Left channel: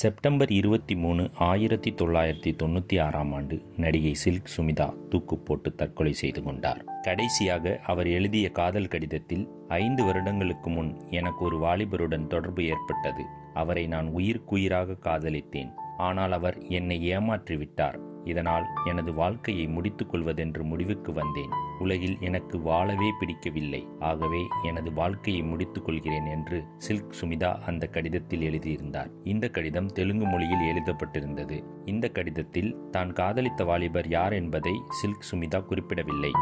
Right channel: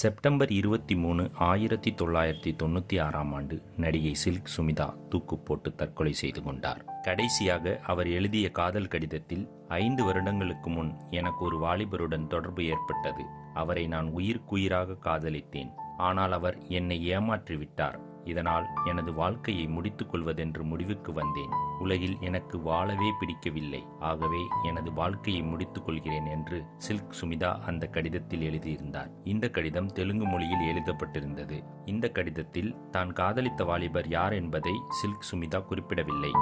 September 23, 1996ஆம் ஆண்டு நடிகை silk Smitha தூக்கு போட்டு தற்கொலை செய்து கொண்டார். கடைசியாக அவர் எழுதிய காதல் கடிதத்தில், 5 வருடங்களுக்கு முன் எனக்கு ஒரு வாலிபருடன் தொடர்பு ஏற்பட்டது. அவரை நான் உயிருக்குயிராக காதலித்தேன். ஆனால் அவர் என்னை ஏமாற்றிவிட்டார். இதனால் எனது வாழ்க்கையை முடித்துக் கொள்வதென்று முடிவுக்கு வந்தேன். உலகில் எனக்கு வாழவே பிடிக்கவில்லை. ஆகவே எனது வாழ்க்கையை முடித்துக் கொள்கிறேன் என்று சில்க் சுமிதா அந்த கடிதத்தில் எழுதியிருந்தார். இந்த கடிதம் தெலுங்கு மொழியில் எழுதப்பட்டிருந்தது. இந்த கடிதத்தில் தான் காதலித்த வாலிபர் யார் என்பதை சில்க் சுமிதா குறிப்பிடவில்லை.